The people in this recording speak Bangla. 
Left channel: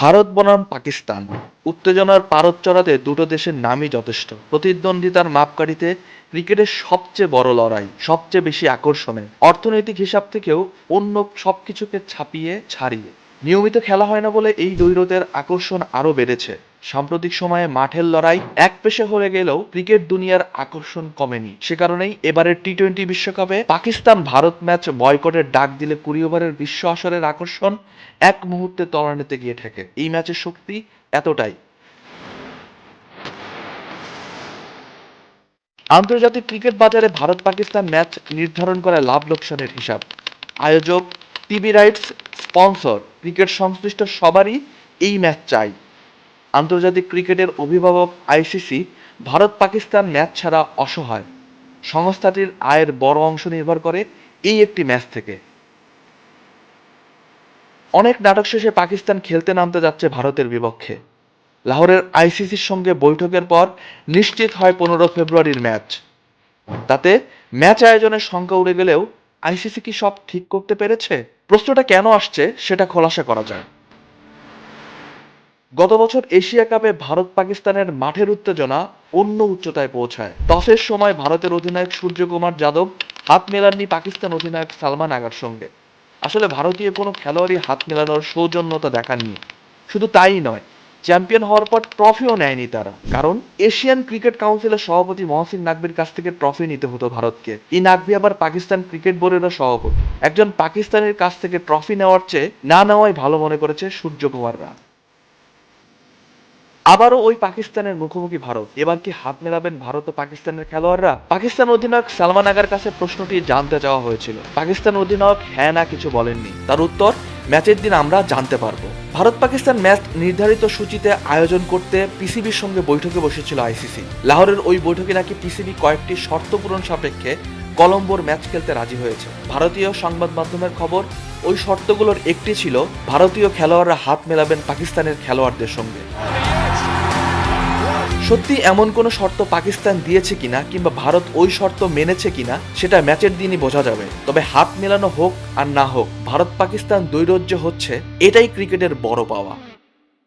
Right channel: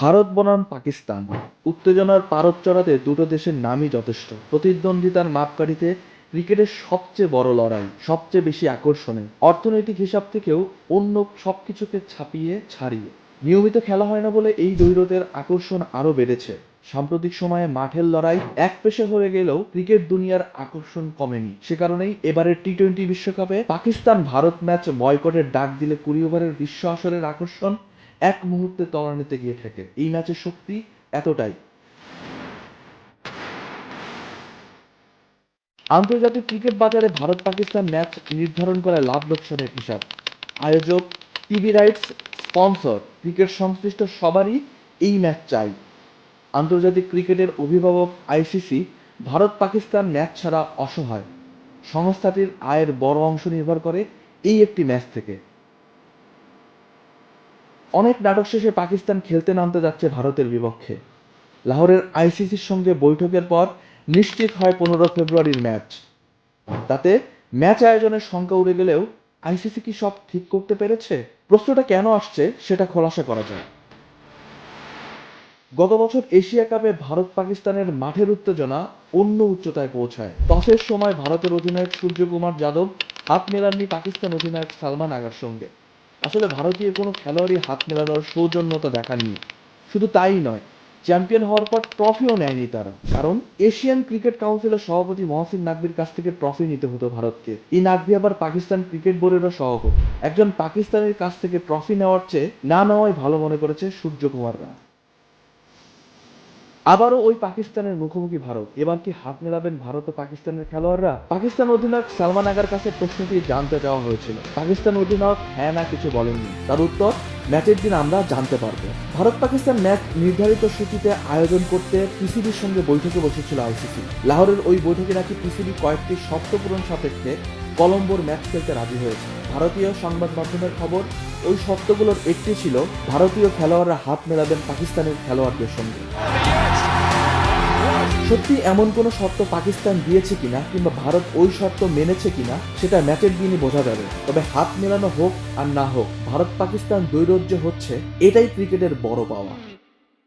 ভারত বনাম পাকিস্তান উত্তেজনার পারদ চড়াতে দুটো দেশের নামই যথেষ্ট। প্রতিদ্বন্দ্বিতার মাপকাঠিতে ক্রিকেটের সবচেয়ে বড় লড়াই, সবচেয়ে বেশি আকর্ষণে, অর্থনৈতিক হিসাব থেকেও অন্য সবকিছুকে ছাড়িয়ে নিয়মিত খেলা হয় না বলে এই দ্বৈরথের আকর্ষণ আরও বেড়েছে। সাম্প্রতিক সময়ে মাঠের লড়াই একপেশে হয়ে গেলেও ক্রিকেট দুনিয়ার আকর্ষণ কমেনি। সে কারণেই এবারের টি-20 বিশ্বকাপে পাকিস্তান ভারত ম্যাচ বয়কটের ডাক দিলে 20 ওভারের বিশ্ব আসরের আকর্ষণ এক মুহূর্তে তলানিতে গিয়ে ঠেকে। এই ম্যাচের শক্তি এতটাই। আন্তর্জাতিক ক্রিকেট বাজারে ভারত পাকিস্তান ম্যাচ নির্ধারণ করে লাভ লোকসানের হিসাব। আয়োজক, টিভি রাইটস, স্পন্সর, ক্রিকেট সংশ্লিষ্ট সবারই এই ম্যাচ চাই। আন্তর্জাতিক ক্রিকেটের অভিভাবক আইসিসি ভারত পাকিস্তান ম্যাচ ছাড়া অসহায়। সংস্থাটির আয়ের বড় অংশ নির্ভর করে এই একটি ম্যাচ থেকে। অনেক নাটক শেষে পাকিস্তান খেলতে নামতে যাচ্ছে ভারতের বিপক্ষে। লাহোরের আইসিসির সঙ্গে বৈঠকের পর নিশ্চিত হয় 15 ফেব্রুয়ারির ম্যাচ। তাতে ম্যাচ আয়োজনের শঙ্কা উড়ে গেলেও আইসিসি কি সব ঠিক করতে পেরেছে? প্রশ্নটা কেন আসছে সেটা খোলাসা করা যায়। গত বছর এশিয়া কাপে ভারত পাকিস্তানের মাঠের উত্তেজনা অন্য উচ্চতায় পৌঁছায়। টসের সময় ভারতের অধিনায়ক সূর্যকুমার যাদব হাত মেলাননি পাকিস্তান অধিনায়ক সালমান আগার সঙ্গে। আসলে ভারতীয় কোনো খেলোয়াড়ই হাত মেলানোর সৌজন্যতা দেখাননি। শুধু তাই নয়, চ্যাম্পিয়ন হওয়ার পর ট্রফিও নেয়নি তারা। কারণ এশিয়ান ক্রিকেট কাউন্সিলের সভাপতি মহসিন নাকভির কাছ থেকে ট্রফি নিতে হতো ভারতকে। এই নাকভি আবার পাকিস্তান ক্রিকেট বোর্ডেরও সভাপতি। একজন পাকিস্তানের কাছ থেকে ট্রফি নেওয়ার চেয়ে না নেওয়াই ভালো মনে করেছে সূর্যকুমাররা। আবারও ওই পাকিস্তানের মুখোমুখি ভারত। এবার কি হাত মেলাবেন ভারত ও পাকিস্তানের খেলোয়াড়রা? পাকিস্তান অধিনায়ক সালমান আগার কাছে প্রশ্নটি জানতে চাওয়া হয়েছিল। পাকিস্তান অধিনায়ক হ্যাঁ না কিছু বলেননি। তার উত্তর, ম্যাচের দিন আমরা জানতে পারবো। ভারত পাকিস্তান ম্যাচ নির্ধারিত সূচিতে আয়োজন করতে পিসিবির সঙ্গে বৈঠকে বসেছিল আইসিসি। লাহোরের ওই বৈঠকে নাকি পিসিবি কয়েকটি শর্ত পূরণ সাপেক্ষে কলম্বোর ম্যাচ খেলতে রাজি হয়েছে। ভারতীয় সংবাদ মাধ্যমের খবর, ওই শর্তগুলোর একটি ছিল ভারতীয় খেলোয়াড়রা হাত মেলাবেন পাকিস্তানের খেলোয়াড়দের সঙ্গে। সত্যি এমন কোনো শর্ত পাকিস্তান দিয়েছে কিনা কিংবা ভারত ওই শর্ত মেনেছে কিনা সেটা ম্যাচের দিনই বোঝা যাবে। তবে হাত মেলানো হোক আর না হোক, ভারত পাকিস্তান দ্বৈরথ যে হচ্ছে এটাই ক্রিকেটের বড় পাওয়া।